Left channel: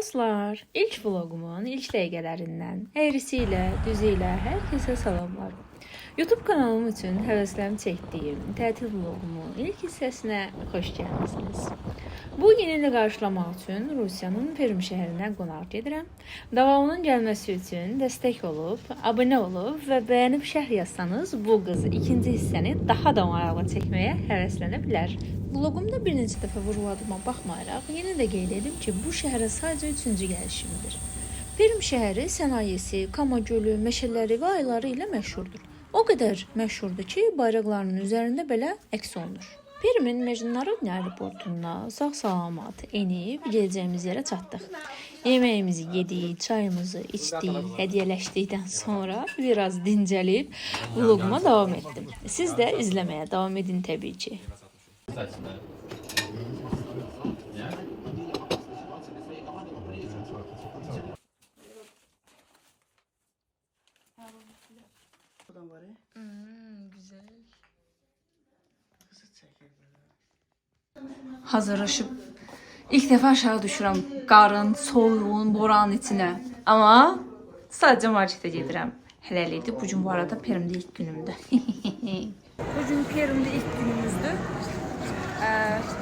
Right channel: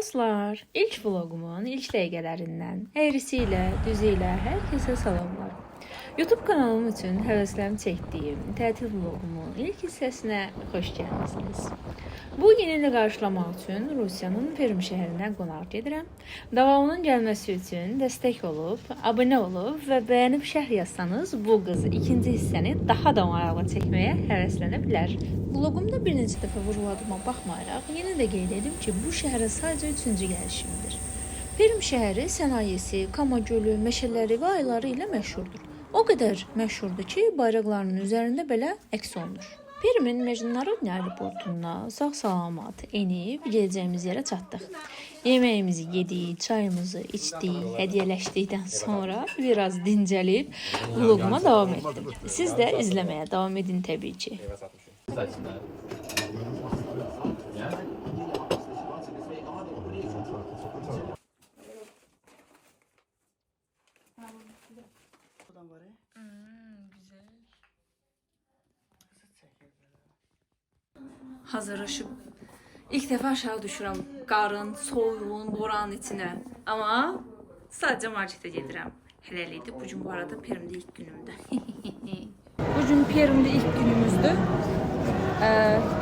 Dostlar, ilk vlogumun ilk dəqiqələrindən əyrisiyle, düzüyle herkese salamlar. YouTube kanalım üçün həvəslərim çəkdiyim tətil vlogumun ilk hissəsinə xoş gəlmisiniz. Bu yeni ili qarşılamaq üçün Rusiyanın Perm şəhərinə qonaq gedirəm. Davamının gəlməsi üçün dəstək olub, abunə olub və bəyənib şərh yazsanız bu qızı ikinci hissəni daha da maraqlı çəkməyə həvəslənə bilər. Vlogumda bir neçə dəfə vurguladığıma baxmayaraq, yenə də qeyd edim ki, bu şəhərə sadəcə 3-cü gəlişimdir. Perm şəhəri sənayesi, Kama gölü, meşələri və ayları ilə məşhurdur. O qədər məşhurdur ki, bayraqlarının üzərində belə əks olunur. Permin Mecnunarod aeroportuna sağ-salamat enib gələcəyimiz yerə çatdıq. Yeməyimizi yedik, çayımızı içdik, hədiyyələşdikdən sonra biraz dincəlib vloguma davam etdim. Siz də izləməyə davam edin təbii ki. Güzel. Hazırlaşıp ilk defa aşağı düşürəm qarın, soyuğun, boranın içine. Ama sadece markete gedirəm. Hələlikdir. Bugün bu arada Perm'de ilk günümdür. Bugün Perm'de ilk günümüzdür.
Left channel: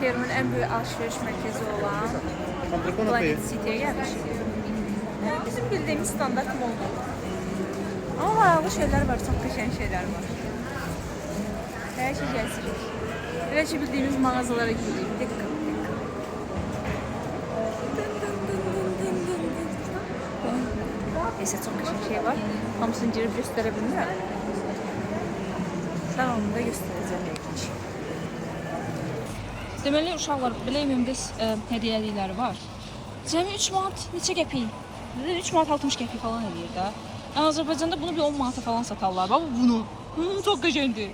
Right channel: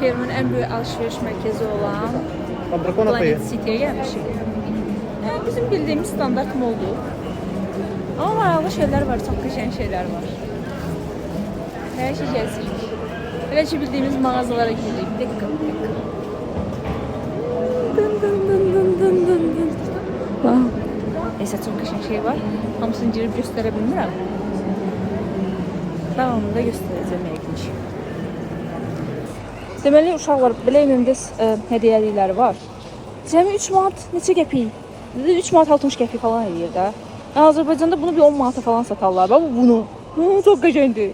Perm'in en büyük alışveriş merkezi olan Planet City'ye gelmişik. Yani bizim bildiğimiz standart moldu. Ama maraqlı şeyler var, çok qəşəng şeyler var. Her şey gəzirik. Elə ki bildiğimiz mağazalara giririk. Dekka. Neyse çok qəşəng şey var. Hamısını girib göstərə bilmirəm. Davamında göstərəcəm yəqin ki. Deməli uşaqlar belə ümumda hədiyyəlikləri var. Cəmi 3 manat neçə qəpik? 3 manat 60 qəpik falan edir də. Yəni Azərbaycanda bunu bir 10 manata falan satarlar. Ama bunu çok qəşəngdir.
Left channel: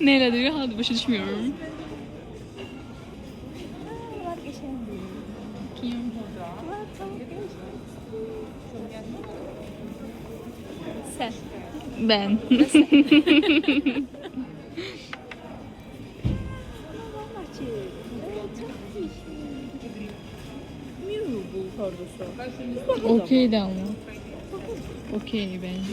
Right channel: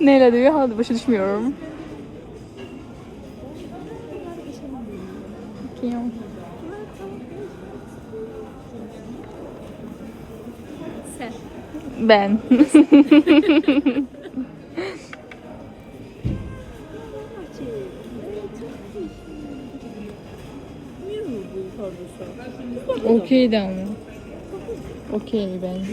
Neyle diyor? Hadi başa düşmüyorum. Sen. Ben. Okey de ama. Okey bence.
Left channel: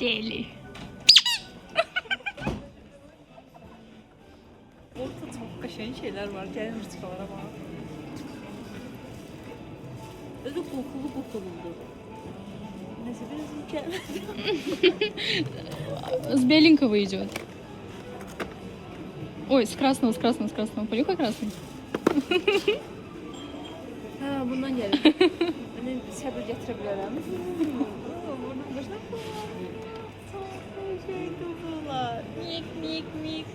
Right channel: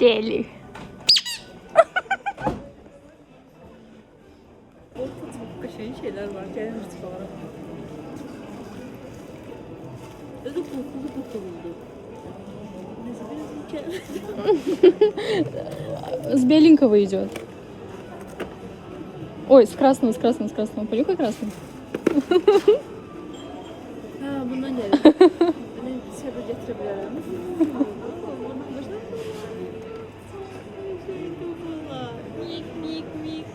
Deli. Orada çok qəşəng şeyler var. Gəlin rütbalara bakalım. Öyle kokulu. Neyse biraz С беленького идет. Ой, с красного. Понюхай красный. Bundan gelir. Ben səbir gətirə bilərəm. Mik.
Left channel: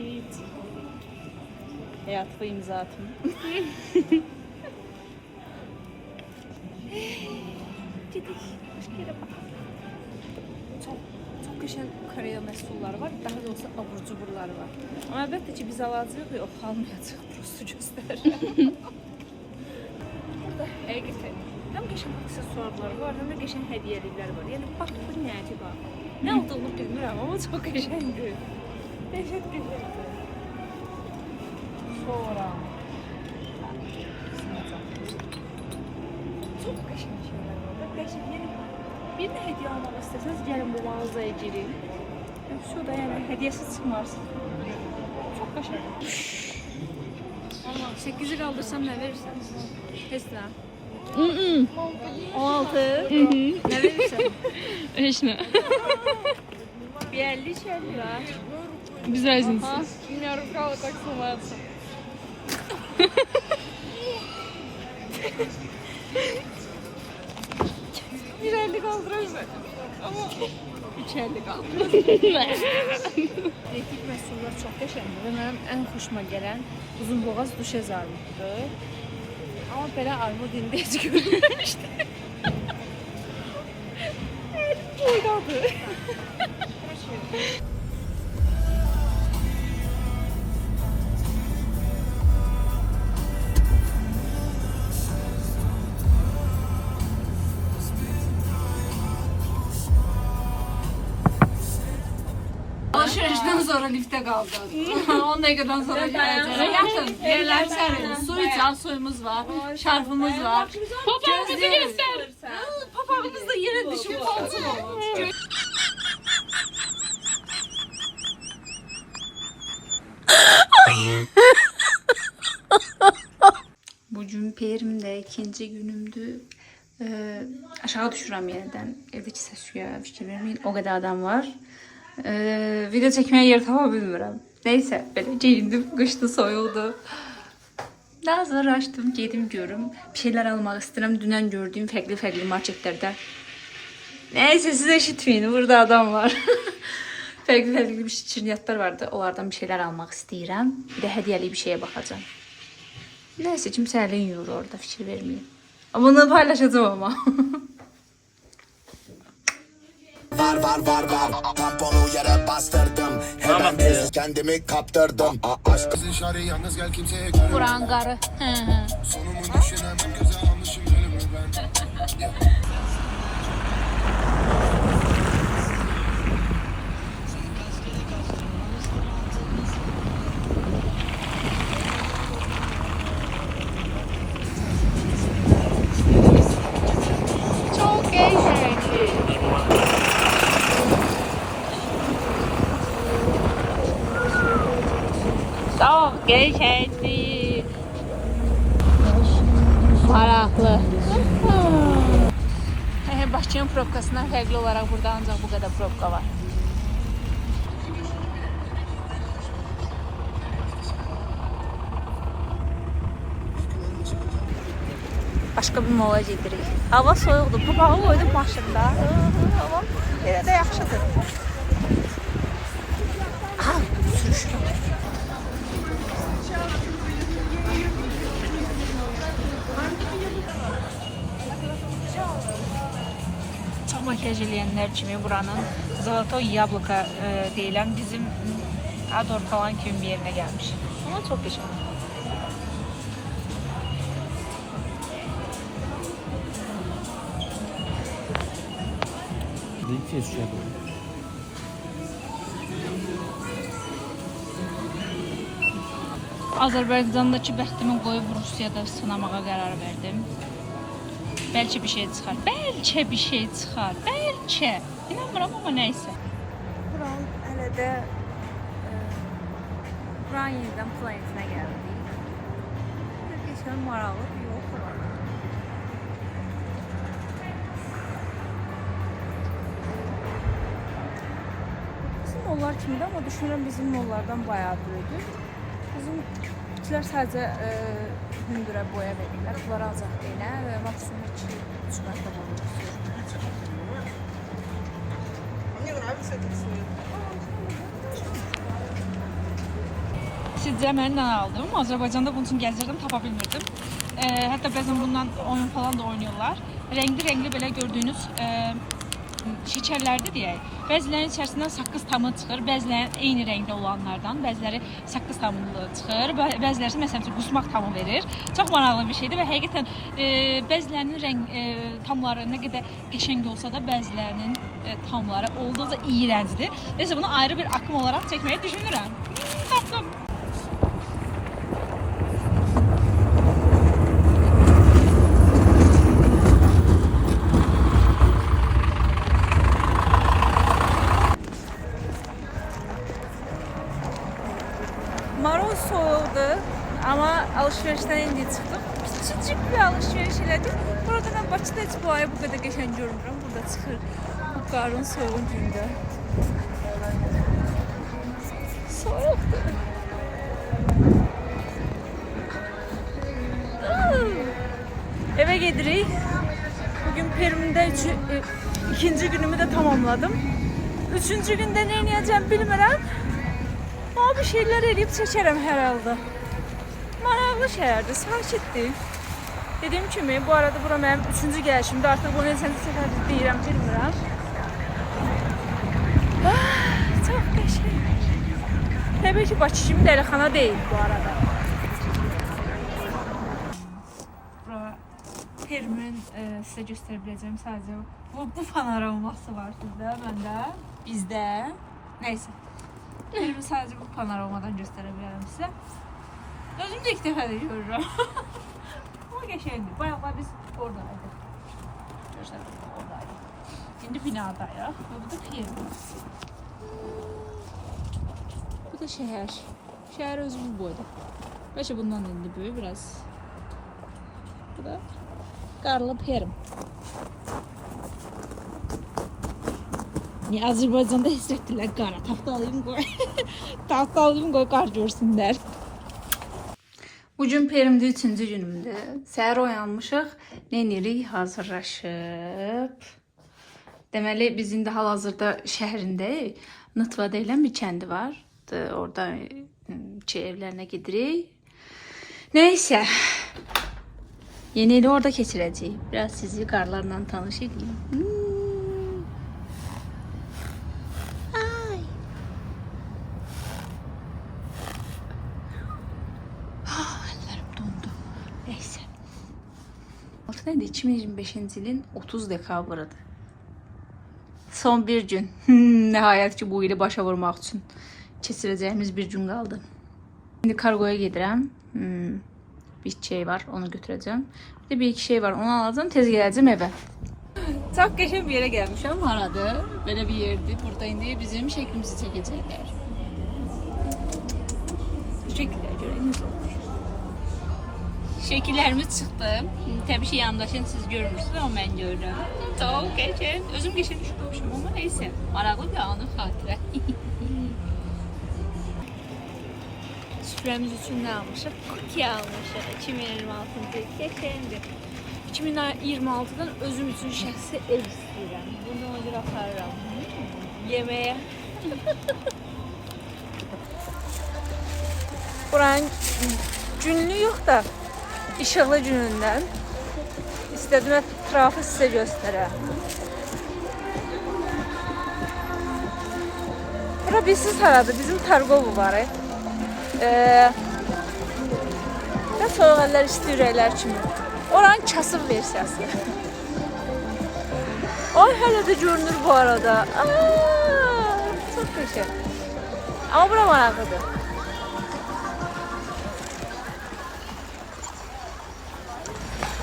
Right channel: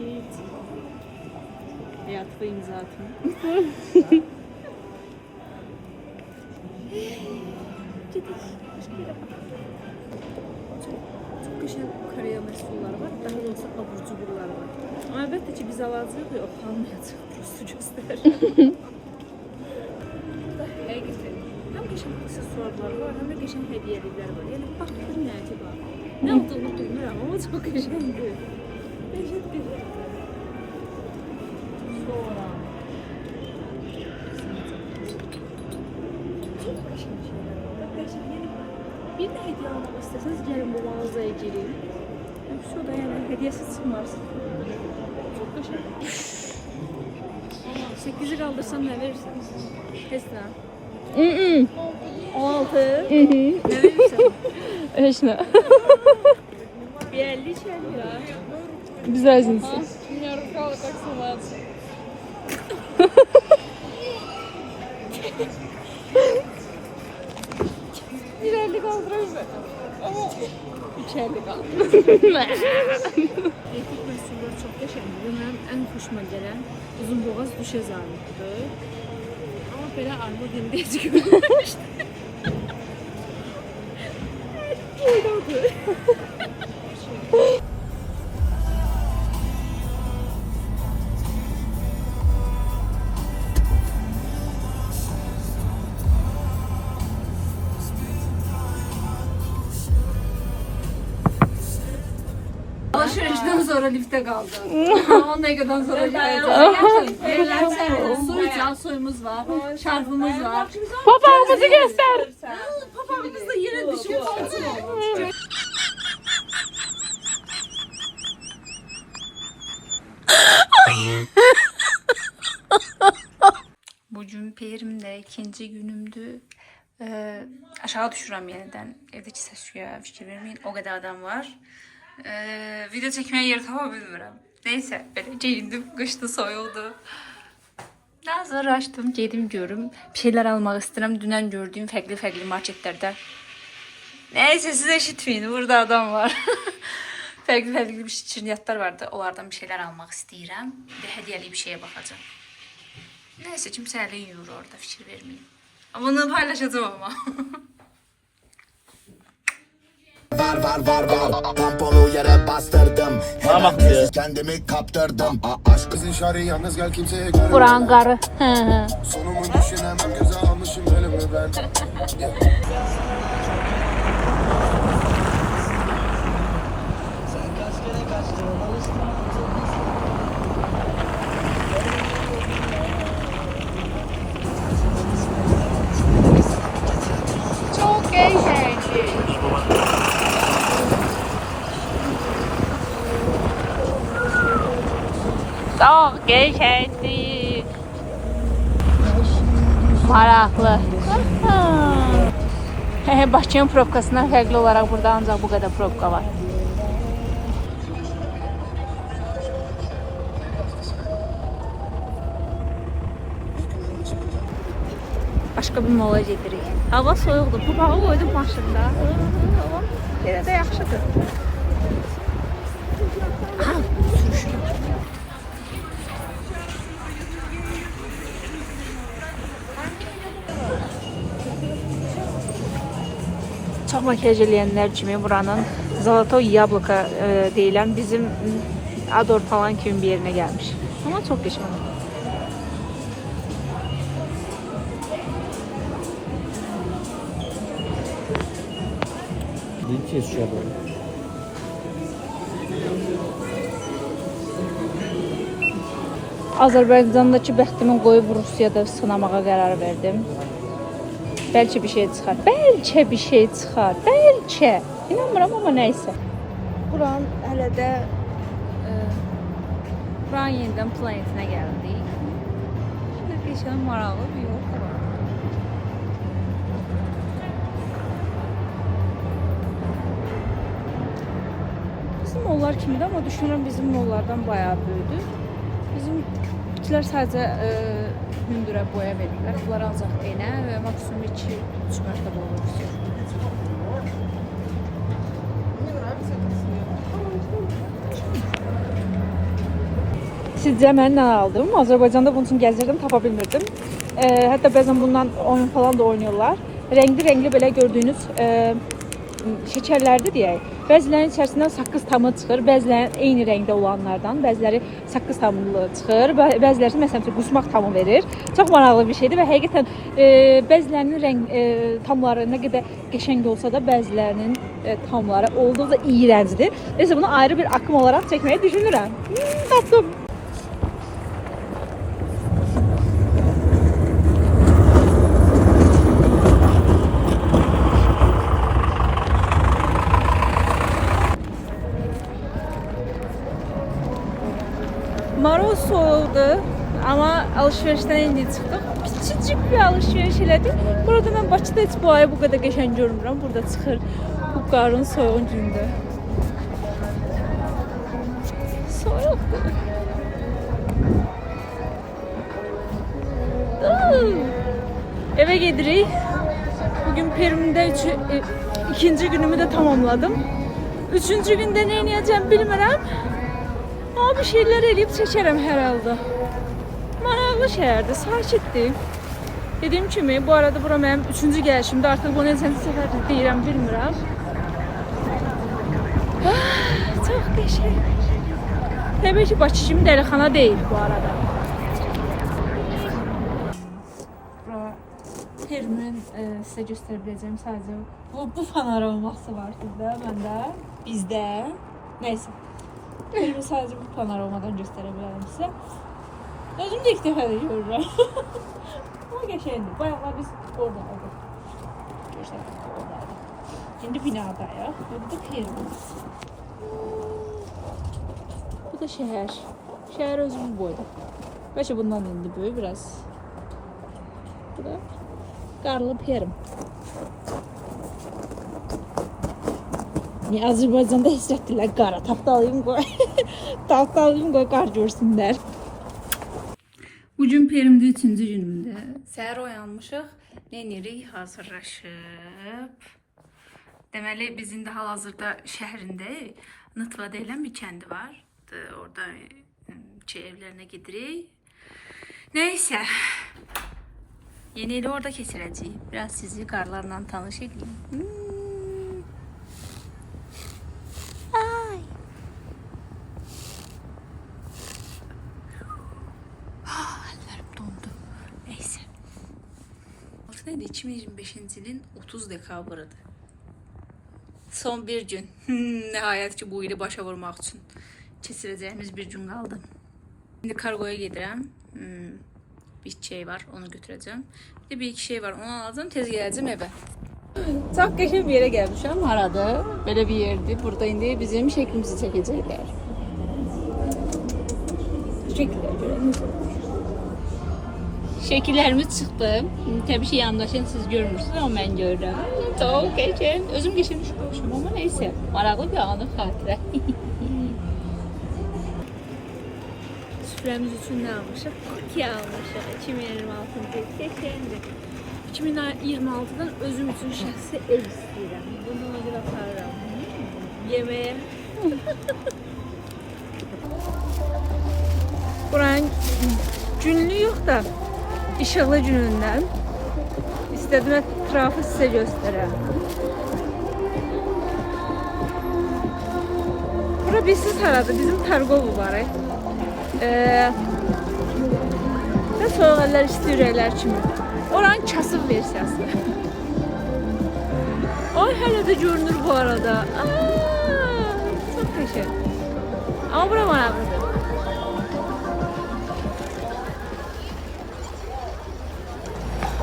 Evet. Hayatı imza atım. Gidiş. Başka yere bak. Çok güzel Koreya məhsulları var. Daha doğrusu abur cuburlar var. Ama elbette ki biz alacağıq ve o kalmayacaq. Prosto göstər. Həqiqətən. Həm qəşəng aksesuarlar var, həm də qəşəng hədiyyəliklər var. Yəni baxın nə acaba. Nə olduğunu bilmirəm ama çok qəşəngdir. Təşəkkür ederim. Sonra. Çok qəşəng şeylər var. Qəşəng. Yəni bir də hədiyyə almaq istəsəniz gəlin bu mağazaya girin. Şu da yəni hədiyyəsiz çıxmaz. Çok qəşəng. 8'i qaldırsam nə verirsən? Tesla. 16. 16. Nə verirsən? Heç nə. Bir 50 çəli var. Biz razıyız. Меня рука вот так срывается. Bir 50 kaldırırız. Ama 3.50 kaldırırız. Etik məhsullar çox qəşəngdir. Mənim ən xoşuma gələn Uzunboğaz duşez armududur. Amma belə armud indi heç görməmişdim. Boydadır. Alışverişten sonra lifte kaldı. 10 dakikadan sonra geleceğiz. Yakın. Yerler serin. Su iç, suyumuz var. Şarfımız var. Papağımızı göster. Papağımız da yere düşüp kalsın. Bugün Perim'de ikinci günümdü. Aşağı düşürəm yeniden. Evdeki səsküyə fikir vermeyin. O kadar adam var. Video çekmeye yer tapa bilmirəm. Neyse, böyle giyindim. Kışta soyuldu. Daha sonra açtım, dedim görüm. Bir şeyler almak istedim. Dünden gördüğüm farklı marketlerde. Neyse, siz eşitmeyin. Burada adam var. farklı bir şirniyyatlar vardı. Onlardan bir şeyler almak istəyirəm. Bir de hediyeli bir şeye bakacağım. Neyse, kimse elin yiyor orada, fikir vermeyin. Bunu paylaşacağım ama. Var Tempolu yere bastırdım. Henüz kendimi kaptırdım. Aşkın şarı yalnız gel kimseye görünme. Buran qarı. Sonumu düşünemem göze almışım ölümü ben. Çok eğlenceli. Çok eğlenceli. Maraqlı. Bakıyan provkasından fərqli olaraq burada ancaq bu qədər provka var. Başka bir mola gedirik. Hava soyuqdur. Papağı koydum maşında. Hava yerə də yaxşıdır. Aha, sürüşürəm. Çox makyaj eləyənlər kimi buranın Zolotoy Yabloko deyilən bizim Ador falan kimi bir yerinə gəlmiş. Ama çox qəşəng. Azərbaycandakı bəxtimi qoyub Rusiyada sınamağa qərar verdim. Bəlkə bir şey çıxar. Bəlkə. İnanmıram amma nəysə. Buranın hələ də buranın yenidən planetinə gəldik. Şurada keçən maraqlı bir yolka var. Bizim mollar kimidir, amma düşünürəm bizim mollardan bayağı böyüdür. Bizimkiler sadəcə hündürə boya verirlər. Bunlar ancaq enə və maksimum 2-3 mərtəbə olur. Sizcə mən nə aldım? Azərbaycanda bunun üçün gəzirdim, tapa bilmirdim. Hətta bəzən bundan oyun falan da oynuyorlar. Renkli belə gördüyünüz şekerlerdi deyək. Bəzilərinin içərisindən saqqız tamı çıxır, bəzilərinin eyni rəngdə olanlardan, bəziləri saqqız tamlı çıxır, bəziləri məsələn üçün qusmaq tamı verir. Çox maraqlı bir şeydir və həqiqətən bəzilərinin tamları nə qədər qəşəng olsa da bəzilərinin tamları olduqca iyrəncdir. Neyse bunu ayrı bir akım olaraq çəkməyi düşünürəm. Tapdım. Moroz soğudu ama alışverişdən indi çıxdıq. Kiçicik bir alışveriş elədik. Burada mən Bakıda heç bu ayı bu qədər qəşəng görmürəm. Burada çıxır bu qarın soyuğun gündə. Soyuqdur. Eve gedirik. Bugün Perim'də ikinci günümü de tamamladım. Üçüncü günde ne edeceğim bilmirəm. Ama bir şeyler eləyib çəkərəm hər halda. Maraqlı şəhərdir, sakitdir. Dediyim kimi, bu arada bura mənim üçüncü gəlişimdir. Artıq bunu neçənci səfərdir deyirəm, bilmirəm. Çox qəşəng. Təbii ki, Bakı kimi dəlixana deyil bu arada. Bura Perimin sizə göstərə biləcəyim sadəcə bu panoraması var sizdə, məndə, bizdə. Neyse. Perimi sadəcə bu panoramadan göstərə bilərəm sizə. Özüm də ilk dəfə də görürəm. Ama qəşəngdir. Bayaqlar biz oradaydık. Göstərdik, oradaydık. İndi binadayıq. Bu da Perimiz. Bu da şəhər. Şəhər özü bu boyda. Bəlkə bundan indi böyük biraz. Bu da qarlı Perim. Niye Azərbaycanda hissettiler qara? Tapdalayım qoy. Tapdalayım qoy, qar görsünlər. Bugün Perimdə 3-cü günümdür. Səhər oyanmışıq. Nə edirik? Hazırlaşıb. Deməli biz indi hal-hazırda şəhərindəyik. Nıtva deyilən bir kəndi var. Orada evlərinə gedirik. Neyse. Yeni ili orada keçirəcəyik. Biraz sizi qarlarla tanış edeyim. Neydi? 2025 ilin 30 dekabrıdır. Son bir gün. Nəhayət ki bu ili başa vurmaq üçün keçirəcəyimiz bir gün qaldı. Şimdi kargoya gedirəm. Bir şey var, onu götürəcəm. Bir de bir iki şey var, onu alacağım, tez gələcəm evə. Çox qəşəng bir yerə gəlmişəm. Harada? Belə bir yerdir. Burada indi bizim şəklimizi çəkəcəklər. Şəkillər görək. Şekillerimiz çıktı. Tabii ki yandaşın siz görmürsünüz ama ben görürüm. Çok geçen. Özüm geçen düşmüşüm ama neyse. Maraqlı bir anı xatirə. Süfrəmiz üçün ne almışıq? Cookie almışıq. 2026'da geçendi. 2026'dan özüm üçün şəxsi ev istəyirəm. Bundan öncə aparıram. Yeməyə. Buranın günlüğü yok da işıqlı günündən istədim ətrafı sizə göstərəm. Bura bilsiz haradır? Bizim Targovu var. Və soyuq əllər, isti ürəklər kimi. Oranın kasıb versiyası. Ay, hələ də görünür bu arada. Çox qəşəng. Amma bura maraqlıdır.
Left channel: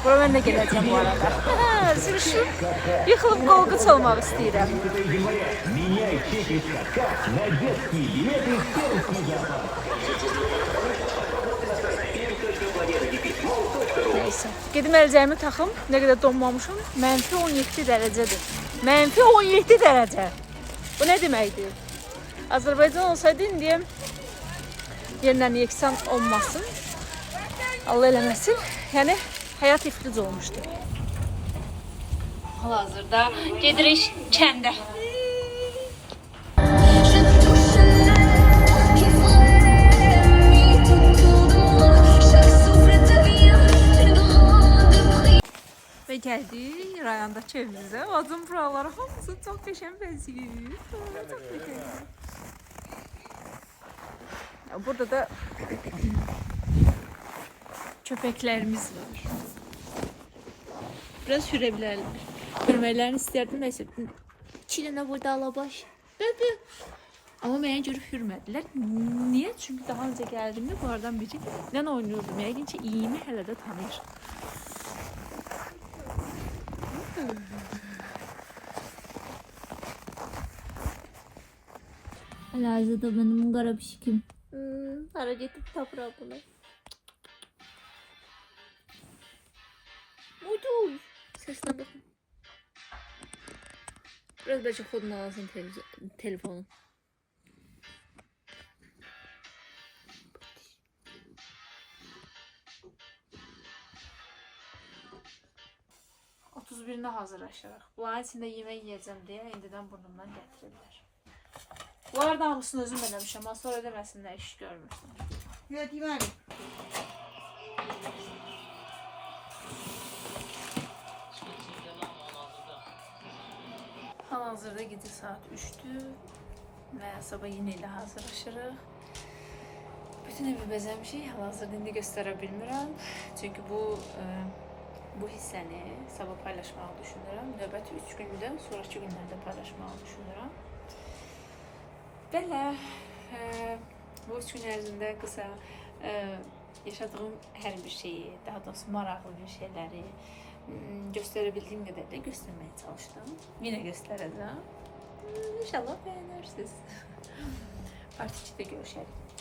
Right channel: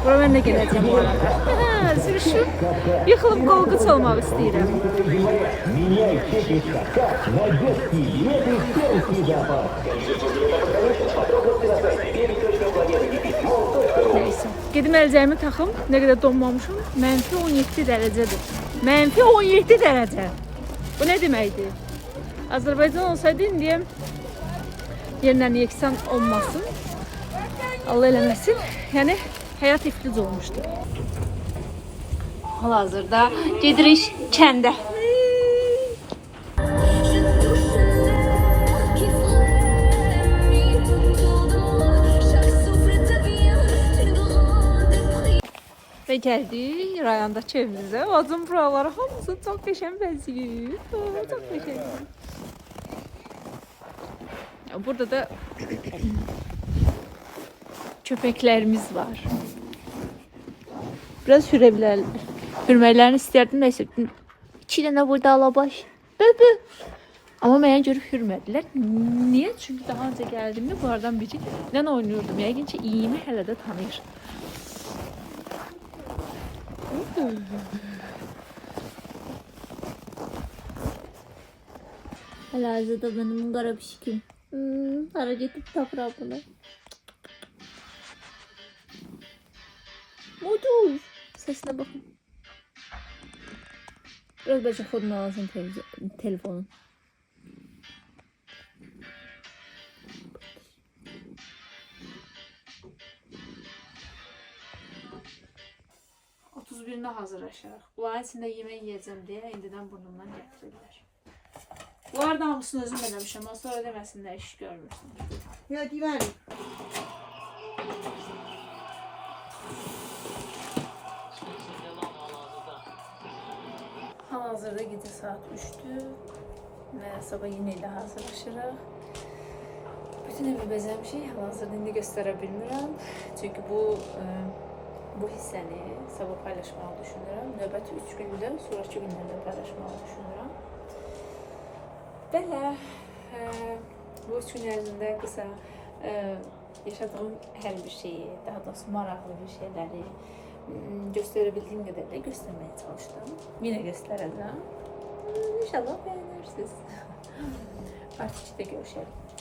Bura mən də gələcəm bu arada. Sürüşdüm. Yıxılıb qolqu çalmaq istəyirəm. Neyse. Gedim əlcəyimi taxım. Nə qədər donmamışım. Mənfi 17 dərəcədir. Mənfi 17 dərəcə. Bu nə deməkdir? Azərbaycan olsaydı indi yerindən yeksan olmasın. Allah eləməsin. Yəni həyat iflic olmuşdu. Hal-hazırda gedirik kəndə. Və gəldik rayondakı evimizə. Bacım buraları hamısı çox qəşəng bəzəyir. Çox qəşəngdir. Burada da köpəklərimiz var. Biraz hürməklərini istərdim. Neyse. 2 dənə burada alabaş. Böbü. Amma mənə görə hürmədilər. Niyə? Çünki daha öncə gəldiyimdə bunlardan biri ilə oynuyordum. Yəqin ki, iyimi hələ də tanıyır. Hal-hazırda benim qara pişikim. Hara getib tapıra bunu. Uyduz. Sesine bakın. Biraz bəlkə xodunu alasın telefonun. Birine hazırlaşırıq. Bunların içində yemək yiyəcəm deyə indidən burnumdan gətirirlər. Bunlar da hamısını özüm eləmişəm. Sonra deməsinlər iş görmürsən. Ya deməli. Hal-hazırda gecə saat 3-dür və sabah yenə ilə hazırlaşırıq. Bütün evi bəzəmişik. Hal-hazırda indi göstərə bilmirəm. Çünki bu hissəni sabah paylaşmağı düşünürəm. Növbəti 3 gündə, sonraki günlərdə paylaşmağı düşünürəm. Belə, bu 3 gün ərzində qısa yaşadığım hər bir şeyi, daha doğrusu maraqlı bir şeyləri göstərə bildiyim qədər də göstərməyə çalışdım. Yenə göstərəcəm. İnşallah bəyənirsiniz. Part 2-də görüşərik.